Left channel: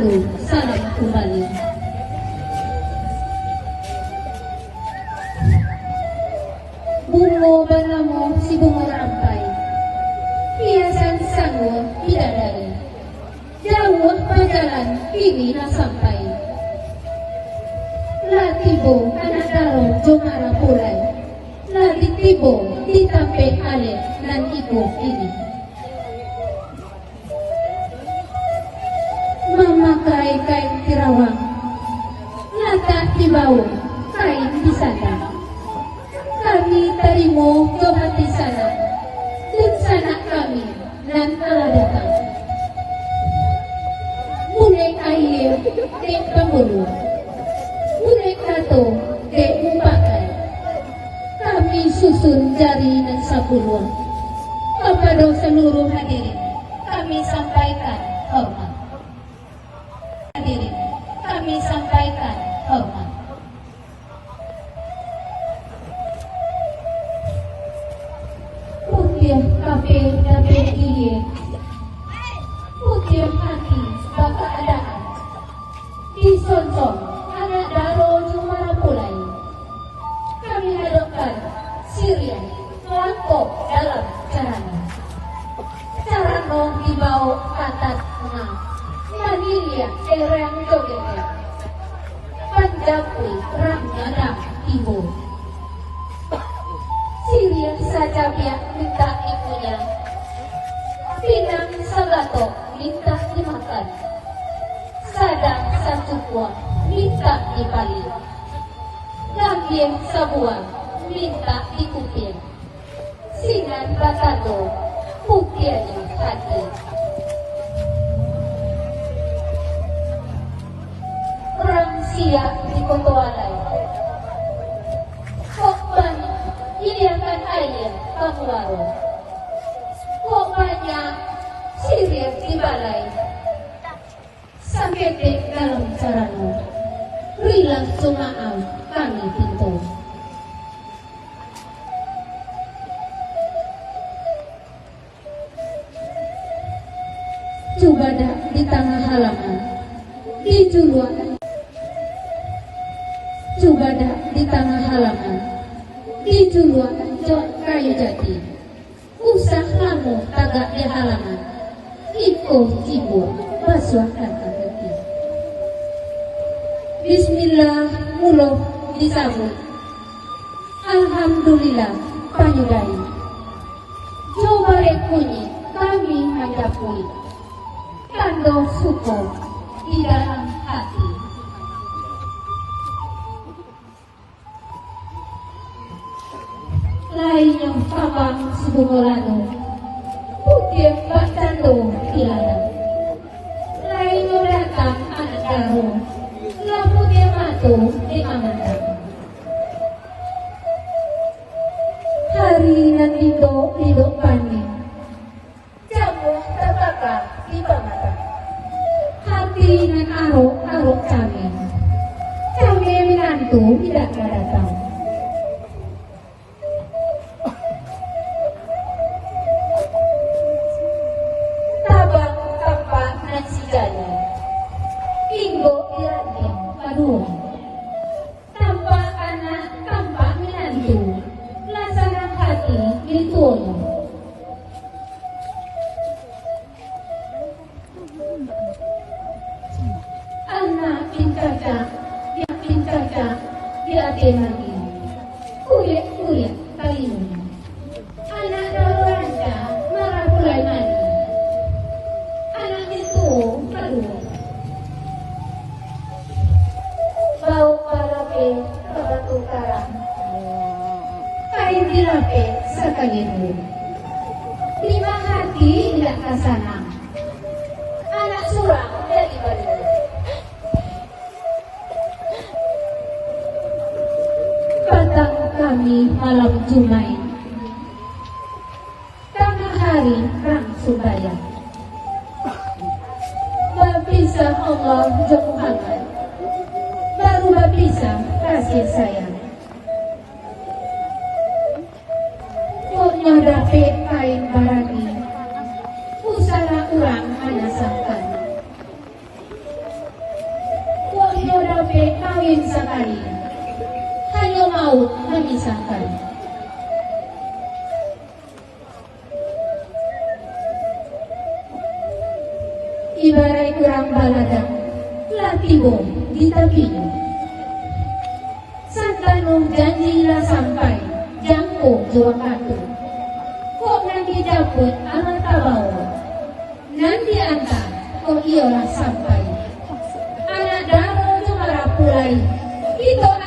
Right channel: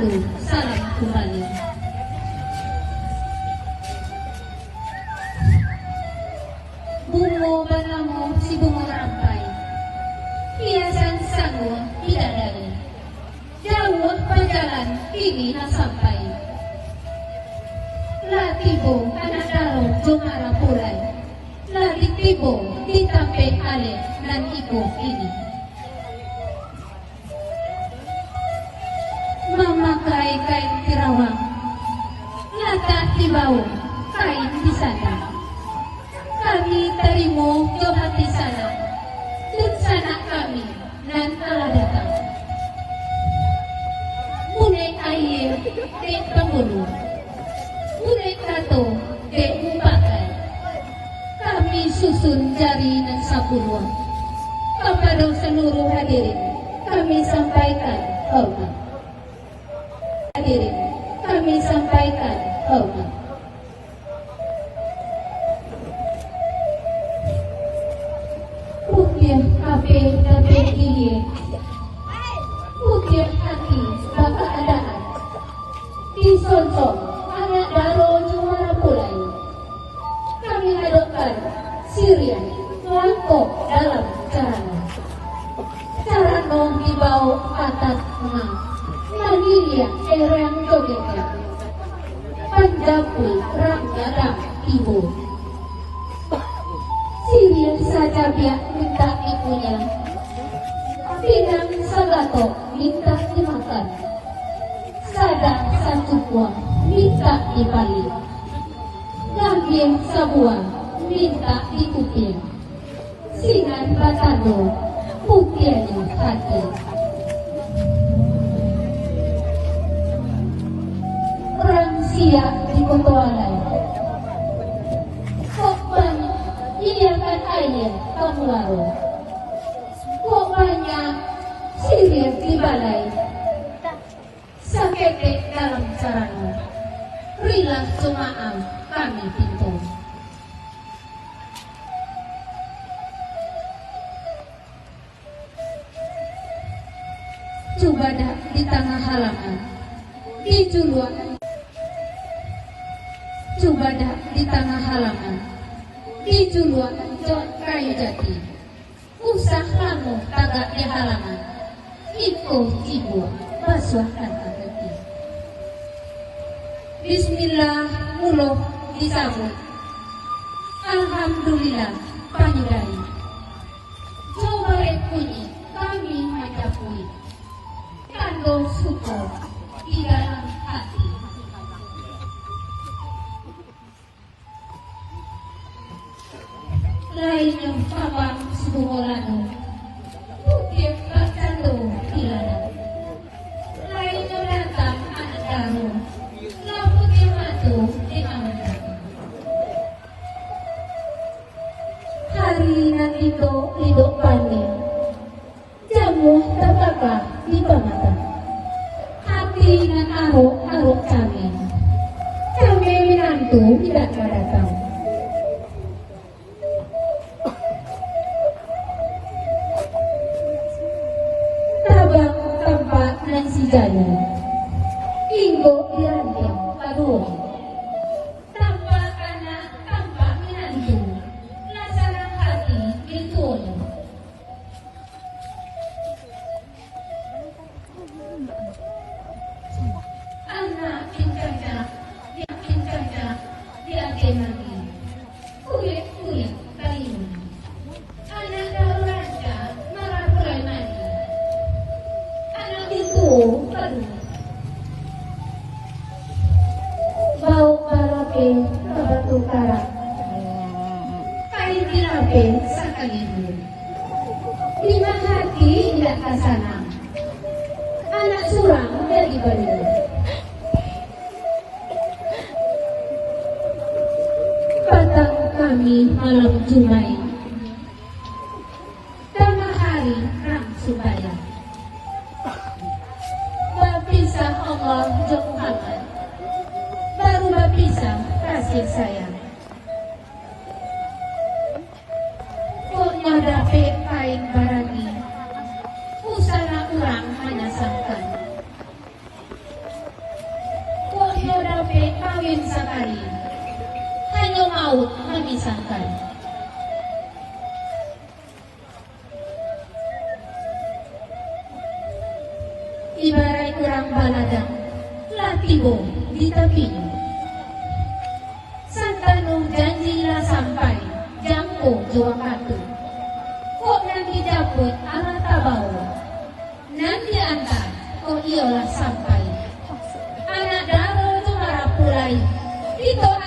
lalu salam kembali. Bungo banamu si bungo rampai, hiasan sangu bidadari, jauh perjalanan kini nak sampai. Latibo anak daro jomara pulai, ladik tibo ditampe ale nan ibu ini. Memakai kain tirawang, latak di bawah kain di sana. Kami terimo ke hati sana, dan sana kami dan Allah datang. Mulai air di pemburu, mulai kato di umpakan. Kami susun jari dan sapuluh. Kepada seluruh hadirin, kami sampaikan hormat. Hadirin, kami sampaikan hormat. Putih kafe ini, putih hati bapa anak, disonsong anak baru orang mulai. Kami hadapkan Syria langkah dalam caranya. Caranya dibawa atas menang. Hadiria erang kodenya. Pendapui ramnyara ibu. Syria saja dia minta ibunya. Minang selato minta dimakan. Sadang satu buah minta dibalik. Gambir sebuah minta dikupir. Singan batano pukirnya hati. Orang siap di kotoalai. Kokbanyak iliakan ayah kemularu. Kokbanyak sihir di balai. Sakete dalam caranya. Rilang sumaam kami pintu. Cubada di tengah halaman, di juluan. Cubada di tengah halaman, di juluan jok kayu jati. Usah kamu tagak di halaman, iko ibu basuhkan hati. Bismillah mulo disabut. Alhamdulillah panjudari. Coba kunyi kami hadapui. Tando suko di dalam hati. Lain yang sabang sebungolano, putih batando hilana. Lain yang datang anak daru, lampu dia matu di amandan. Hari nanti do hidup panik, jamu terbakar di pamatan. Hati dan aruk kami. Kami menantu tidak datang. Tabak tempat dan sigana. Minggu dilanting peduli. Tanpa anak, tanpa menantu. Lasaran hati ditolong. Anak incaca, dia jenami. Kulit kali ini. Anak rawanca, malah mulai mandi. Anak dituung kedua. Bau malape ke batu karang. Kain dilape sekali dulu. Lima hati dan kasanang. Anak surang dari Bangun. Batang kami malam Jumai. Tengah hari rang subaya. Berpisah Allah jeng Muhammad. Baru berpisah kasih sayang. Kok nyadape kain barani. Usara urang hanya sangkan. kali, hanya maut memisahkan. Ibarat urang baladang, latibo di tapinya. Santanong janji lah sampai, jangko jua katu. Kok nanti dapet amal tabaw, nanti angka kok iyalah sampai. Anak daro cuma rapulai, kita